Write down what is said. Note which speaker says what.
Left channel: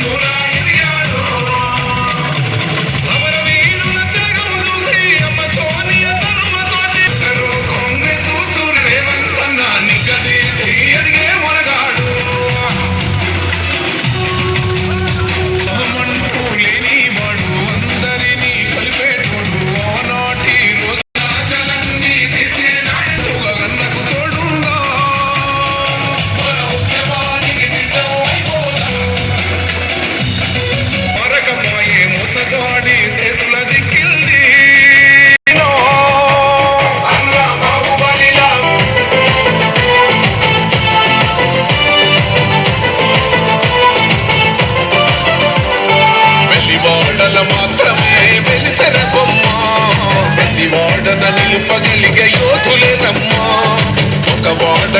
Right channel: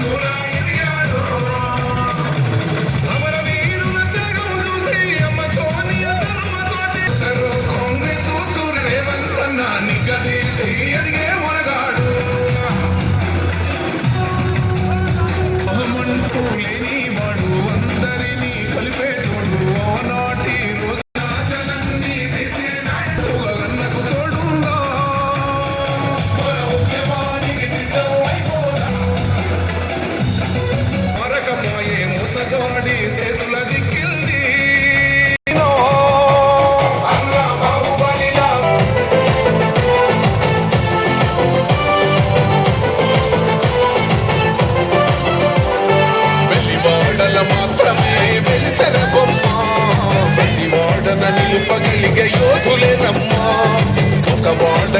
Speaker 1: Yeah.